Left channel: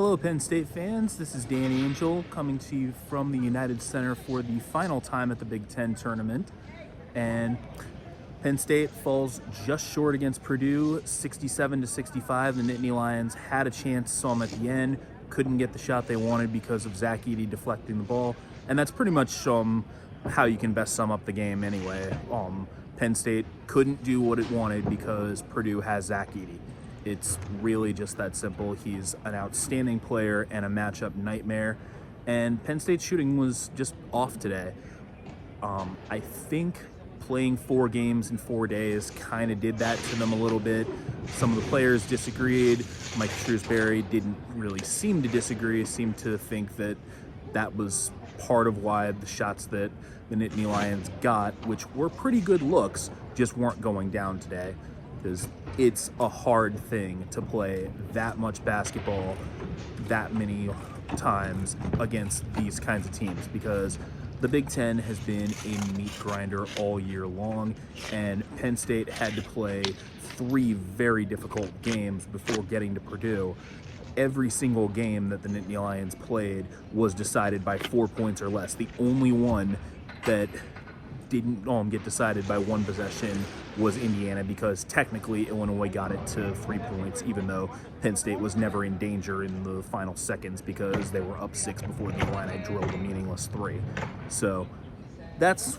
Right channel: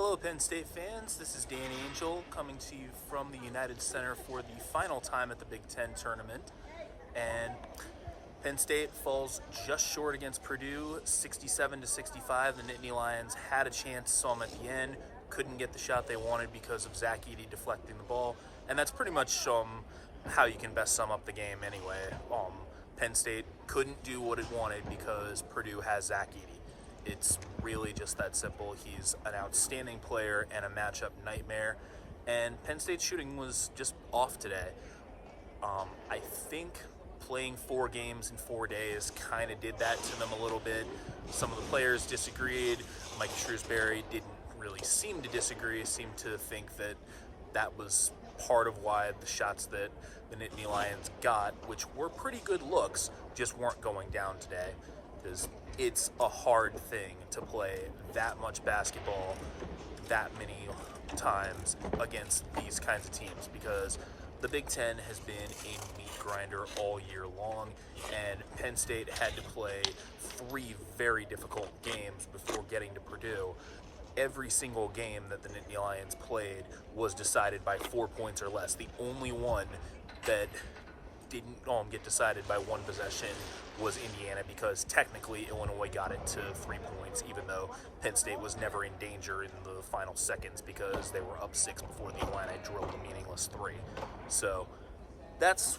Hello, Penn State fans. This is Dan Angell coming to you from the United Center for the final time at the Big Ten tournament. And Penn State falls just short against Purdue, 67-65. The Nittany Lions had a chance some at the end, couldn't get the shot they wanted because of Zach Edey deflecting the ball. And that's pretty much how you can best sum up the game anyway. Penn State couldn't do what it wanted because Purdue has Zach Edey. It's really just that simple. He's an outstanding player and a matchup nightmare. And Penn State's shooting was just off today. I think playing 4 games in 4 days kind of did that to them a little bit. Some of the players disagreed. Mike Shrewsbury didn't really seem to disagree. Seemed to think that was part of why the shots that the Nittany Lions got, which were pretty good looks, just weren't going down today. Because it's a hard thing to play that much basketball that many times against these kinds of teams, because the Big Ten has been a meat grinder all year long, and Penn State had to play 3 very difficult games before getting to Purdue. Every single game that the Nittany Lions played was decided by 4 points or less. The only one that didn't get decided by 1 possession was Indiana, because technically Illinois got it to 3 points, even though Penn State was never in danger in the final seconds because they were up 6 before the Illini drilled a meaningless 3. So that's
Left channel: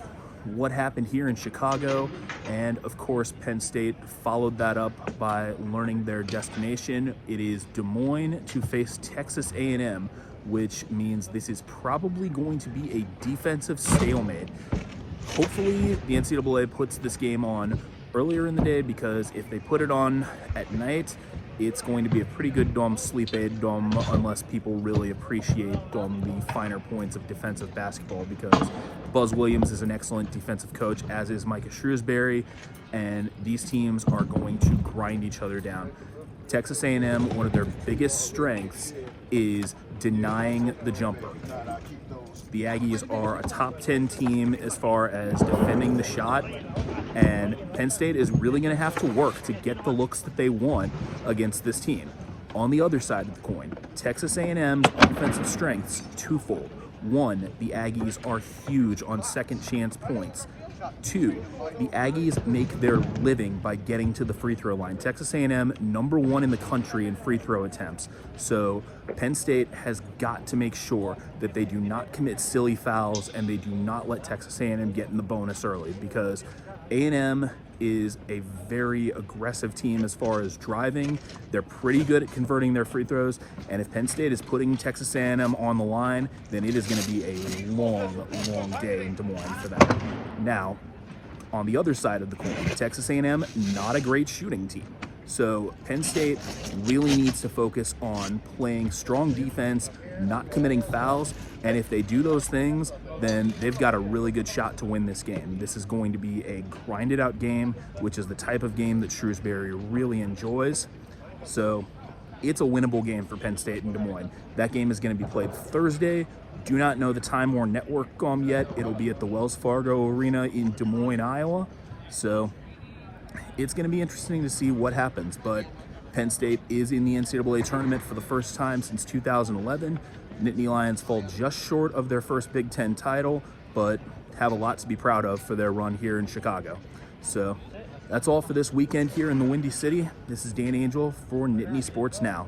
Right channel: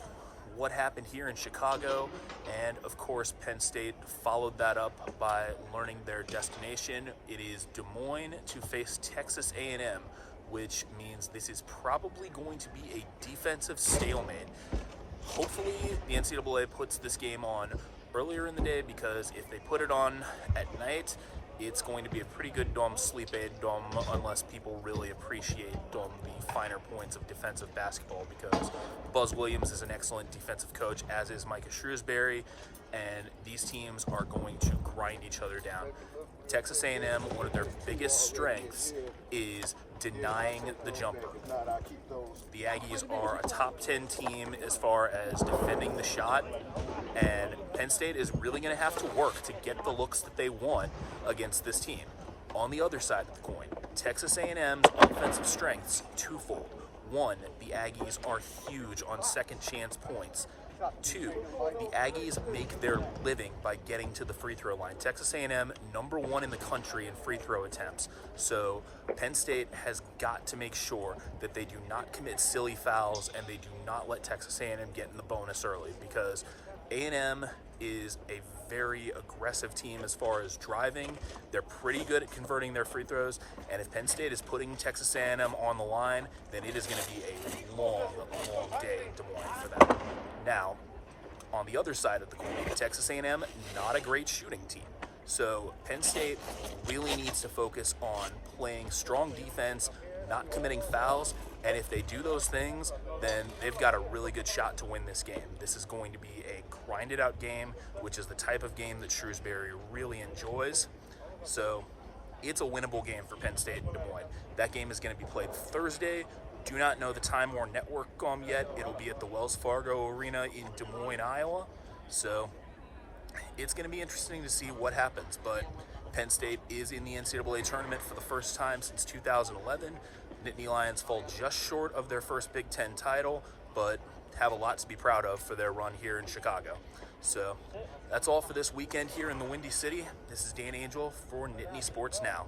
what happened here in Chicago, and of course Penn State followed that up by learning their destination. It is Des Moines to face Texas A&M, which means this is probably going to be a defensive stalemate. Hopefully the NCAA puts this game on earlier in the day, because if they put it on at night, it's going to be a pretty good sleep aid unless people really appreciate the finer points of defensive basketball, because Buzz Williams is an excellent defensive coach, as is Micah Shrewsbury, and these teams are going to grind each other down. Texas A&M, one of their biggest strengths is denying the jumper. The Aggies are a top 10 team as far as defending the shot, and Penn State is really going to have to work to get the looks that they want against this team. On the other side of the coin, Texas A&M's offensive strengths twofold. 1, the Aggies are huge on second chance points. 2, the Aggies make their living by getting to the free throw line. Texas A&M, #1 in the country in free throw attempts. So Penn State has got to make sure that they do not commit silly fouls and they do not let Texas A&M get in the bonus early, because A&M is a very aggressive team as far as driving. They're pretty good at converting their free throws, and if Penn State is putting Texas A&M on the line, then it is going to be a long, long day in Des Moines for them. Now, on the other side of the coin, Texas A&M, not a great shooting team. So Penn State really needs to focus on playing strong defense, not committing fouls, and if they do those things, then they've got a really good shot to win this game. This is going to be a grinded out game, which is the type of game that Shrewsbury really enjoys. So it's a winnable game for Penn State in Des Moines. That game is going to be played Thursday. Do not know the time or network yet. It'll be at the Wells Fargo Arena in Des Moines, Iowa. So it's going to be interesting to see what happens. But Penn State is in the NCAA tournament for the first time since 2011. Nittany Lions fall just short of their first Big Ten title, but have a lot to be proud of for their run here in Chicago. So that's all for this weekend here in the Windy City. This is Dan Angell for Nittany Sports Now.